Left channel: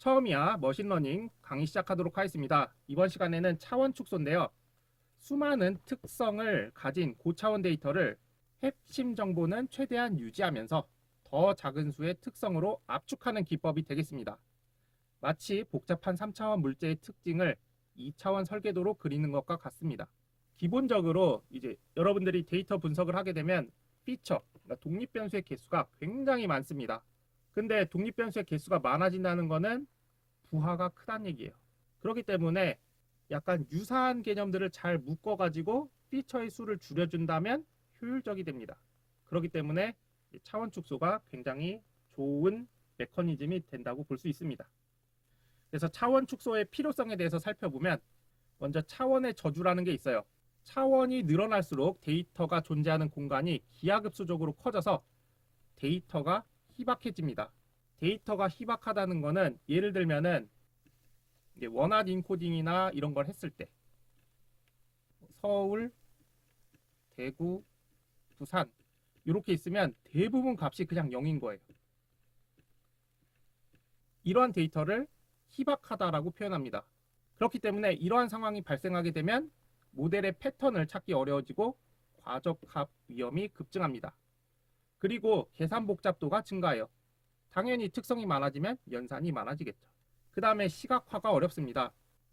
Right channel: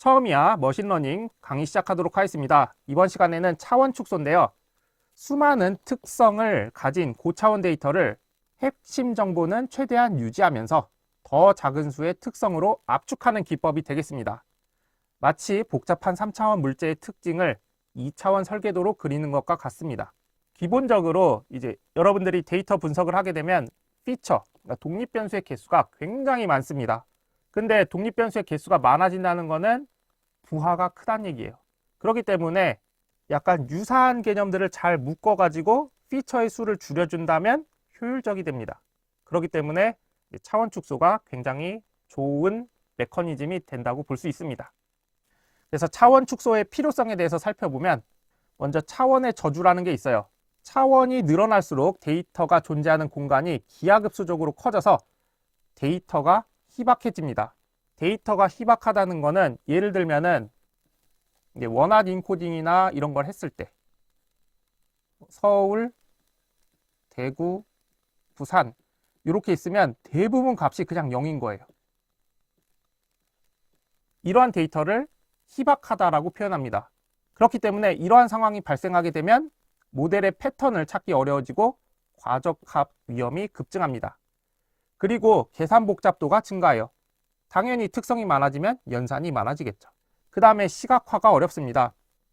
처음이야 머신러닝 강의 시작하도록 하겠습니다. 이번 시간에는 차원 축소인데요. 수많은 특성을 가진 고차원 데이터를 핵심 정보는 최대한 유지하면서 더 작은 수의 특성으로 압축하는 기법이 되겠습니다. 마치 복잡한 3차원 물체의 특징을 2차원 설계도로 그리는 것과 같습니다. 기본적으로 이제 여러분들이 데이터 분석을 하게 되면 피처, 그러니까 독립변수의 개수가 굉장히 많습니다. 근데 독립변수의 개수가 많아진다는 것은 부하가 크다는 얘기예요. 그렇기 때문에 약간 유사한 개념들을 잘 묶어가지고 피처의 수를 줄여준다면 효율적이 됩니다. 그렇기 때문에 차원 축소가 굉장히 좋은 메커니즘이 된다고 볼 수 있습니다. 그래서 차원 축소의 필요성에 대해서 살펴보면 먼저 차원의 저주라는 게 있어요. 차원이 늘어날수록 데이터가 존재하는 공간이 기하급수적으로 커져서 데이터가 희박해집니다. 데이터가 희박하다는 거는 예를 들면은 원핫 인코딩이나 이런 걸 했을 때 서울, 대구, 부산 이렇게 있으면 대부분 값이 그냥 0인 거예요. 이러한 데이터를 희박하다라고 표현합니다. 그렇기 때문에 이러한 상황이 발생하게 되면 모델의 패턴을 찾기 어려워지고 과적합 위험이 급증합니다. 그리고 계산 복잡도가 증가해요. 당연히 특성이 많아지면 연산이 많아지겠죠. 그 다음에 시각화가 어렵습니다.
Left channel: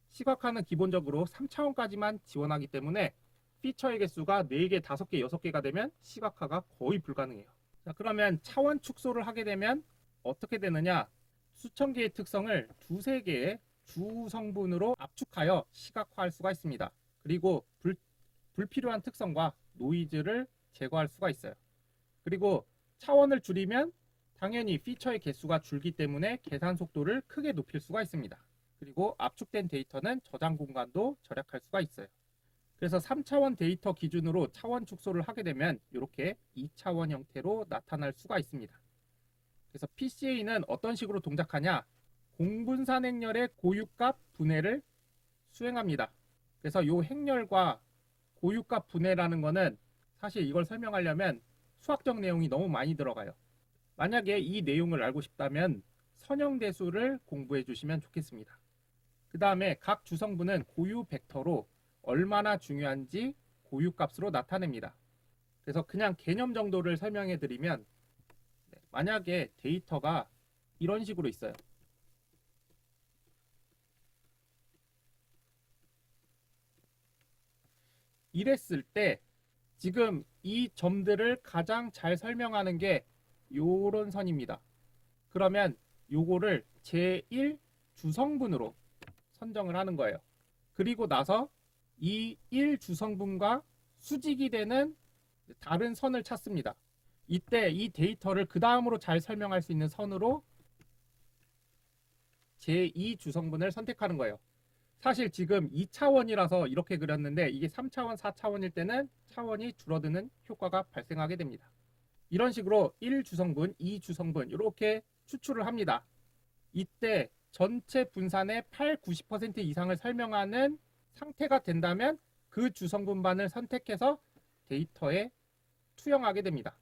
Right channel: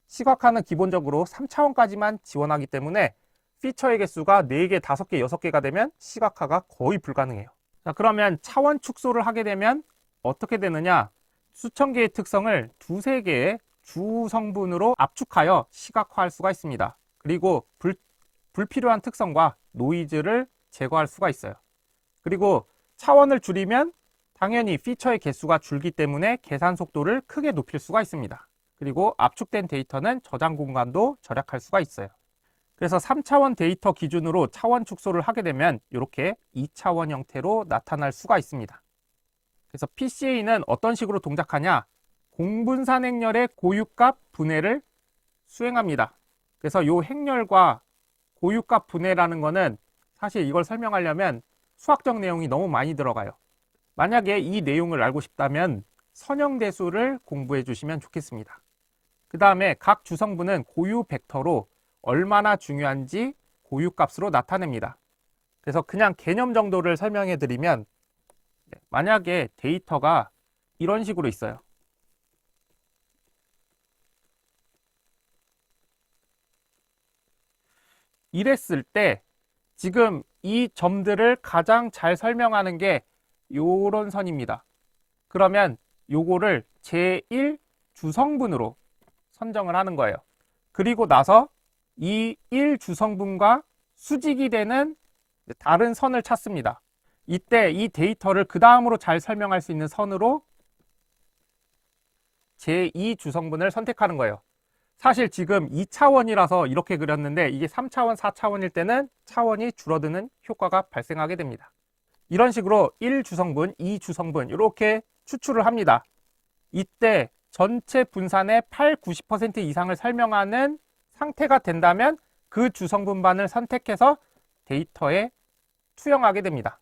시각화는 기본적으로 3차원까지만 지원하기 때문에 피처의 개수가 4개, 5개, 6개가 되면 시각화가 거의 불가능해요. 자, 그러면 차원 축소를 하게 되면 어떻게 되느냐? 수천 개의 특성을 두세 개의 주 성분으로 압축하여 시각화할 수가 있습니다. 그리고 불필요한 특성과 노이즈를 제거할 수가 있어요. 그리고 차원을 줄이면 당연히 피처의 개수가 줄기 때문에 계산 속도를 크게 높일 수가 있습니다. 그리고 압축된 데이터는 저장 공간도 절약할 수가 있어요. 그래서 3차원 데이터 기준으로 차원 축소를 하게 되면 이렇게 2차원 형태로 나타날 수가 있습니다. 그래서 PCA는 어떤 식으로 동작하냐? 공분산 행렬의 고유값 분해를 수행합니다. 그래서 이 행렬과 고유값 분해라는 거는 사실 이걸 설명하려면 수학적 내용이 너무 많이 들어가요. 만약에 이 내용을 알고 싶다면 선형대수를 공부해 주시면 좋겠습니다. 그 다음에 각 주성분은 고유 벡터로 얼마나 중요한지 고유값으로 나타냅니다. 그래서 그냥 개념 정도를 설명해 드리면 만약에 데이터가 이런 식으로 있어요. 이랬을 때 지금 이 점들을 가장 잘 설명하는 게 요런 선입니다. 그러면 요거를 제1 주성분으로 선정을 하는 거예요. 그리고 나서 이 1주성분과 수직이 되는 다른 선을 찾습니다. 이때 이 데이터를 그 다음으로 잘 설명할 수 있는 선으로 제2주성분을 선택하는 거예요. 사실 지금 2차원이라서 이렇게 그렸는데 이게 3차원, 4차원일 때는 차원이 줄어드는 효과가 발생하게 됩니다. 이런 식으로 1주성분, 2주성분 이렇게 추출을 합니다. 이때 전체 분산의 8, 90% 이상을 설명하는 상태가 된다면 그 주성분반을 선택해서 데이터에 투영하게 됩니다.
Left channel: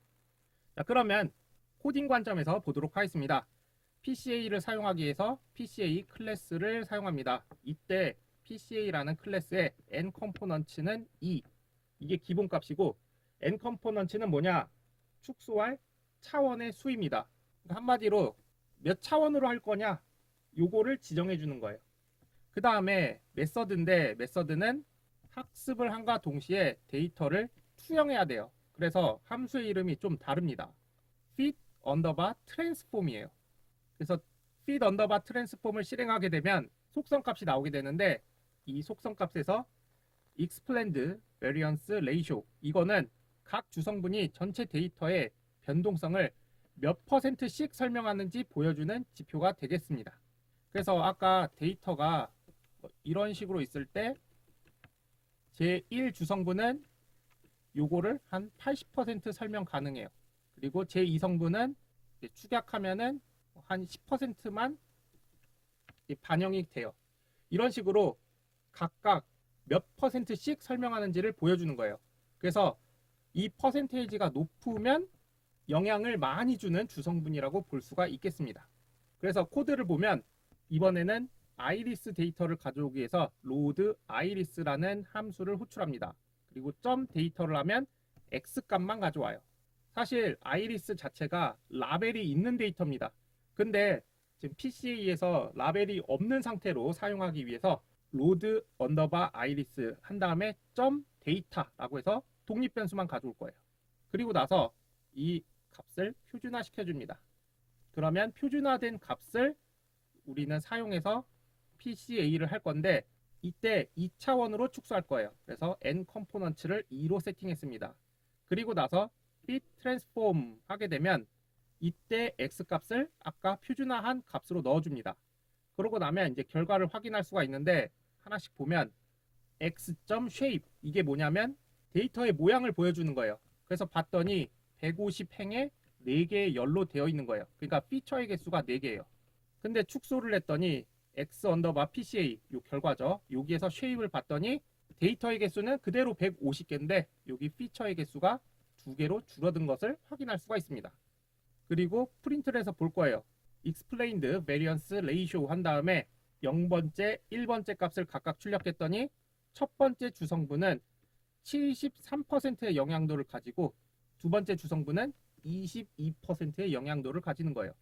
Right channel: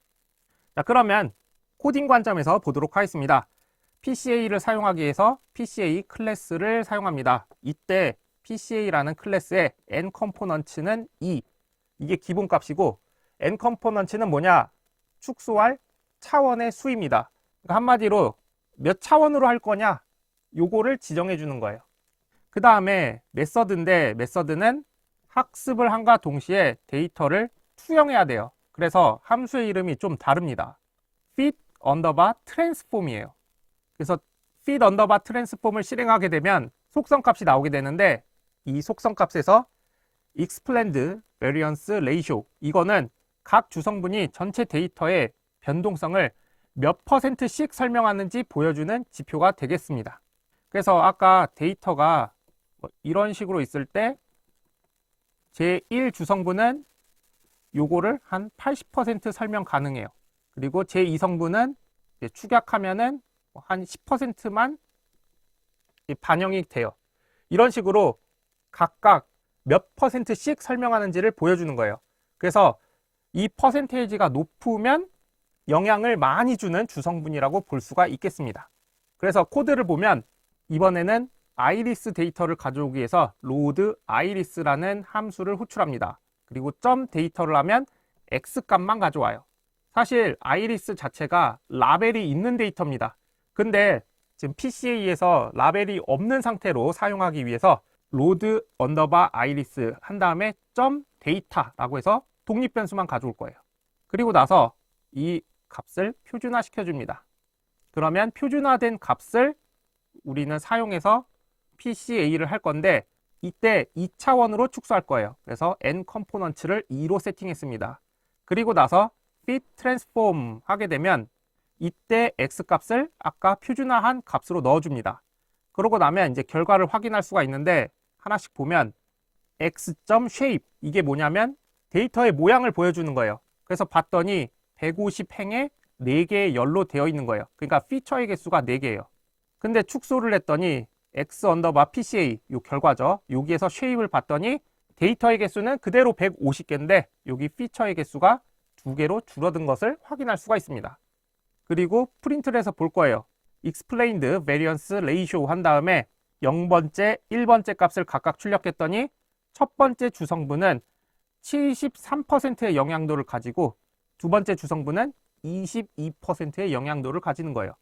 자, 그러면 코딩 관점에서 보도록 하겠습니다. PCA를 사용하기 위해서 PCA 클래스를 사용합니다. 이때 PCA라는 클래스의 n 컴포넌츠는 2. 이게 기본값이고 n 컴포넌츠는 뭐냐? 축소할 차원의 수입니다. 그러니까 한마디로 몇 차원으로 할 거냐? 요거를 지정해 주는 거예요. 그 다음에 메서드인데 메서드는 학습을 함과 동시에 데이터를 투영해야 돼요. 그래서 함수의 이름이 좀 다릅니다. fit underbar transform이에요. 그래서 fit underbar transform을 실행하게 되면 속성값이 나오게 되는데 이 속성값에서 explained variance ratio 이거는 각 주성분이 전체 데이터의 변동성을 몇 %씩 설명하는지 보여주는 지표가 되겠습니다. 그래서 아까 데이터가 이런 식으로 있을 때 제1 주성분은 요거를 한 80% 설명 가능해요. 그리고 제2 성분은 축약하면은 한 10%만 반영이 돼요. 이런 식으로 각각 몇 %씩 설명하는지를 보여주는 거예요. 그래서 이 퍼센테이지가 높으면 영향을 많이 주는 주성분이라고 볼 수가 있겠습니다. 그래서 코드를 보면 이번에는 아이리스 데이터를 가져오기 위해서 load iris라는 함수를 호출합니다. 그리고 점 데이터를 하면 x 값만 가져와요. 사실 아이리스 자체가 라벨이 있는 데이터입니다. 근데 지금 PCA에서 라벨이 없는 상태로 사용하기 위해서 load underbar iris 한 다음에 점 데이터라고 해서 독립 변수만 가져올 거예요. 그리고 나서 이 값을 표준화 시켜줍니다. 그러면 표준화된 값을 우리는 사용해서 PCA를 할 건데 이때 2차원으로 축소할 거예요. 그래서 n 컴포넌트를 2로 세팅했습니다. 그리고 나서 fit transform 하게 되면 이때 x 값을 아까 표준화한 값으로 넣어줍니다. 그러고 나면 이제 결과를 확인할 수가 있는데 하나씩 보면 x.shape 이게 뭐냐면 데이터의 모양을 보여주는 거예요. 그래서 봤더니 150행에 4개의 열로 되어 있는 거예요. 그러니까 피처의 개수가 4개예요. 근데 축소를 했더니 x 언더바 PCA 요 결과죠. 여기에서 shape을 봤더니 데이터의 개수는 그대로 150개인데 여기 피처의 개수가 2개로 줄어든 것을 확인할 수가 있습니다. 그리고 프린트를 해서 볼 거예요. explained variance ratio 한 다음에 0번째, 1번째 값을 각각 출력했더니 첫 번째 주성분은 73%의 영향도를 가지고 두 번째 주성분은 22%의 영향도를 가지는 거예요.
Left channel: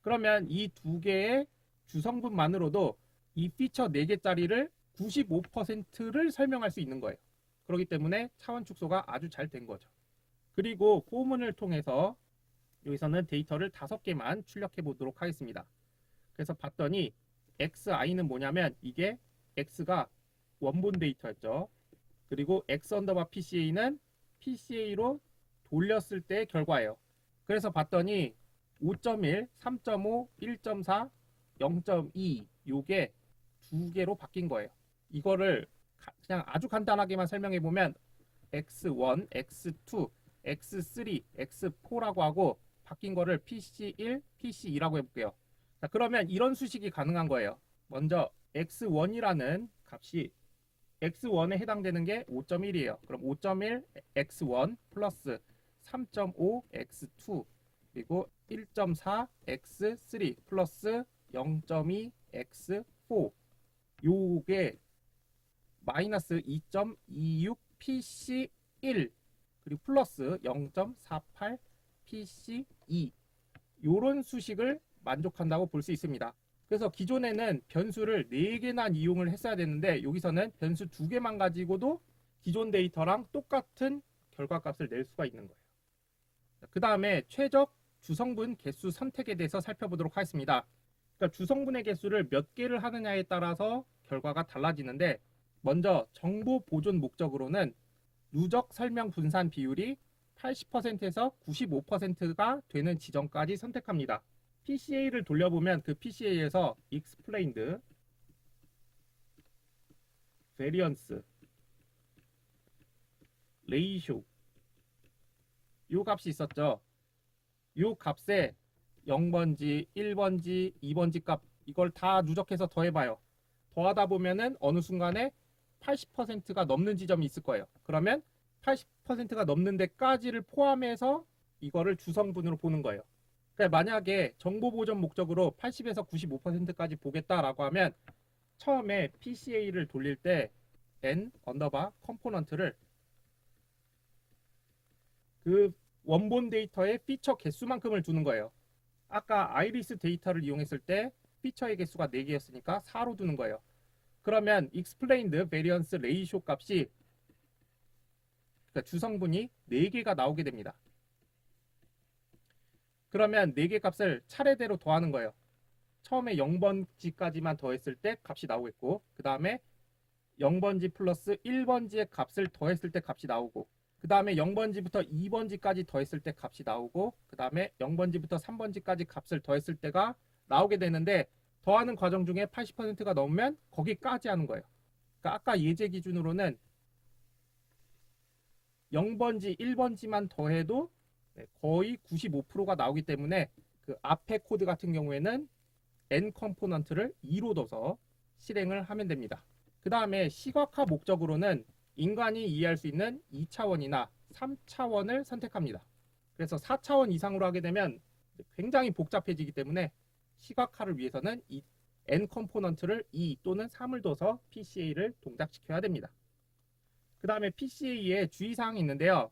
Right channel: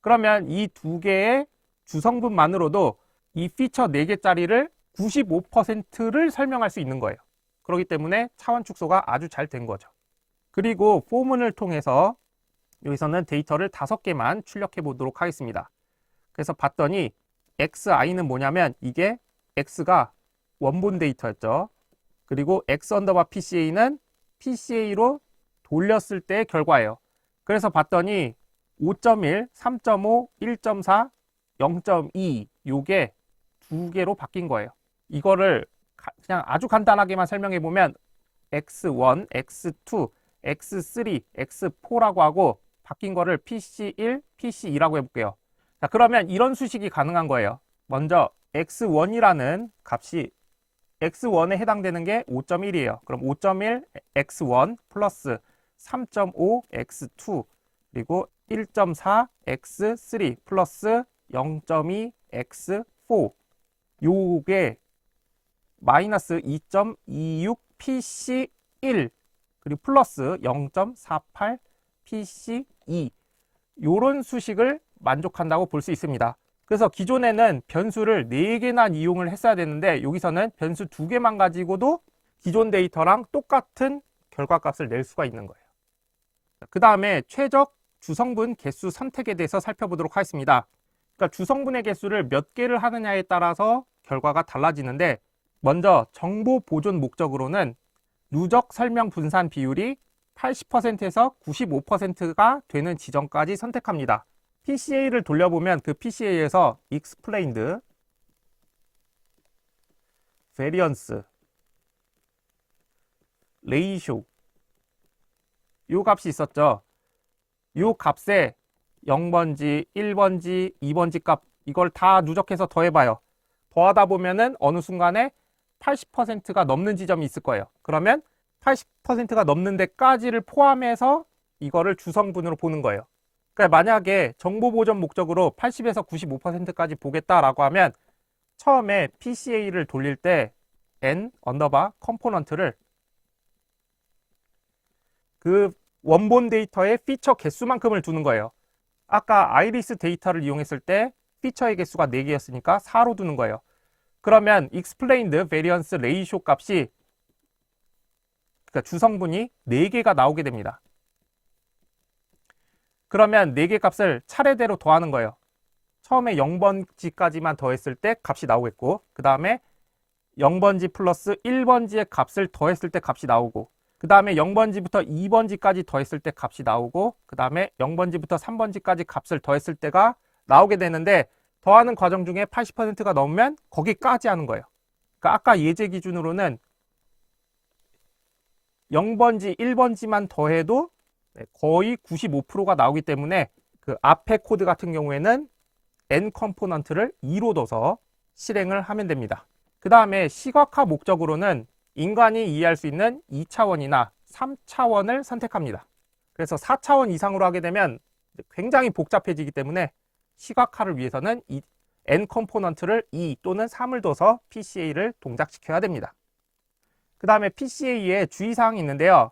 그러면 이 두 개의 주성분만으로도 이 피처 4개짜리를 95%를 설명할 수 있는 거예요. 그렇기 때문에 차원 축소가 아주 잘 된 거죠. 그리고 포문을 통해서 여기서는 데이터를 5개만 출력해 보도록 하겠습니다. 그래서 봤더니 xi는 뭐냐면 이게 x가 원본 데이터였죠. 그리고 x 언더바 PCA는 PCA로 돌렸을 때의 결과예요. 그래서 봤더니 5.1, 3.5, 1.4, 0.2 요게 2개로 바뀐 거예요. 이거를 그냥 아주 간단하게만 설명해 보면 x1, x2, x3, x4라고 하고 바뀐 거를 PC1, PC2라고 해볼게요. 자, 그러면 이런 수식이 가능한 거예요. 먼저 x1이라는 값이 x1에 해당되는 게 5.1이에요. 그럼 5.1 x1 플러스 3.5 x2 그리고 1.4 x3 플러스 0.2 x4 요게 마이너스 2.26 PC1 그리고 플러스 0.48 PC2 요런 수식을 만족한다고 볼 수 있습니다. 그래서 기존에는 변수를 4개나 이용을 했어야 되는데 여기서는 변수 2개만 가지고도 기존 데이터랑 똑같은 결과값을 낼 수가 있는 거예요. 그 다음에 최적 주성분 개수 선택에 대해서 살펴보도록 하겠습니다. 그러니까 주성분의 개수를 몇 개를 하느냐에 따라서 결과가 달라지는데 먼저 정보 보존 목적으로는 누적 설명 분산 비율이 80%에서 95%가 되는 지점까지 선택합니다. PCA를 돌려보면 그 PCA에서 explained variance ratio 요 값이 있었죠. 요 값에 0번지, 1번지, 2번지 값 이걸 다 누적해서 더해봐요. 더하다 보면은 어느 순간에 80%가 넘는 지점이 있을 거예요. 그러면 80%가 넘는 데까지를 포함해서 이거를 주성분으로 보는 거예요. 그러니까 만약에 정보 보존 목적으로 80에서 95%까지 보겠다라고 하면 처음에 PCA를 돌릴 때 n 언더바 컴포넌트를 그 원본 데이터의 피처 개수만큼을 두는 거예요. 아까 아이리스 데이터를 이용했을 때 피처의 개수가 4개였으니까 4로 두는 거예요. 그러면 explained variance ratio 값이 그러니까 주성분이 4개가 나오게 됩니다. 그러면 4개 값을 차례대로 더하는 거예요. 처음에 0번지까지만 더했을 때 값이 나오겠고 그 다음에 0번지 플러스 1번지의 값을 더했을 때 값이 나오고 그 다음에 0번지부터 2번지까지 더했을 때 값이 나오고 그 다음에 0번지부터 3번지까지 값을 더했을 때가 나오게 되는데 더하는 과정 중에 80%가 넘으면 거기까지 하는 거예요. 그러니까 아까 예제 기준으로는 0번지, 1번지만 더해도 거의 95%가 나오기 때문에 그 앞에 코드 같은 경우에는 n 컴포넌트를 2로 둬서 실행을 하면 됩니다. 그 다음에 시각화 목적으로는 인간이 이해할 수 있는 2차원이나 3차원을 선택합니다. 그래서 4차원 이상으로 하게 되면 굉장히 복잡해지기 때문에 시각화를 위해서는 이 N 컴포넌트를 2 또는 3을 둬서 PCA를 동작시켜야 됩니다. 그 다음에 PCA에 주의사항이 있는데요.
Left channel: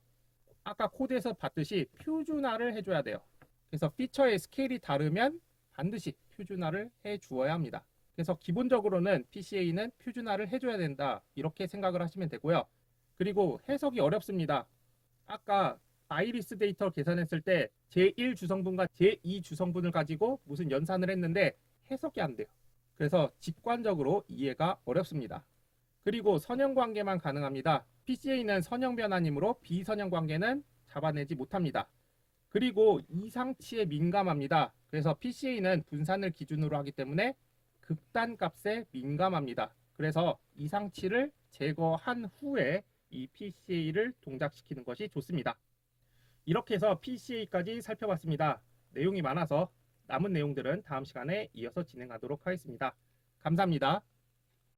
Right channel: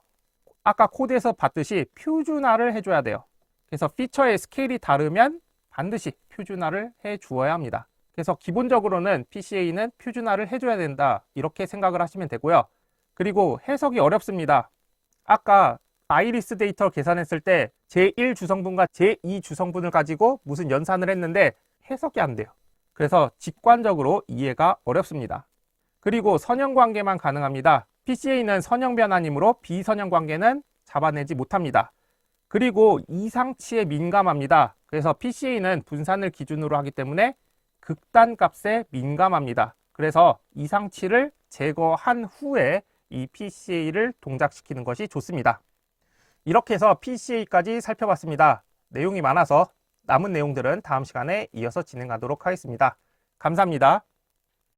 아까 코드에서 봤듯이 표준화를 해줘야 돼요. 그래서 피처의 스케일이 다르면 반드시 표준화를 해주어야 합니다. 그래서 기본적으로는 PCA는 표준화를 해줘야 된다, 이렇게 생각을 하시면 되고요. 그리고 해석이 어렵습니다. 아까 아이리스 데이터를 계산했을 때 제1 주성분과 제2 주성분을 가지고 무슨 연산을 했는데 해석이 안 돼요. 그래서 직관적으로 이해가 어렵습니다. 그리고 선형 관계만 가능합니다. PCA는 선형 변환이므로 비선형 관계는 잡아내지 못합니다. 그리고 이상치에 민감합니다. 그래서 PCA는 분산을 기준으로 하기 때문에 극단값에 민감합니다. 그래서 이상치를 제거한 후에 이 PCA를 동작시키는 것이 좋습니다. 이렇게 해서 PCA까지 살펴봤습니다. 내용이 많아서 남은 내용들은 다음 시간에 이어서 진행하도록 하겠습니다. 감사합니다.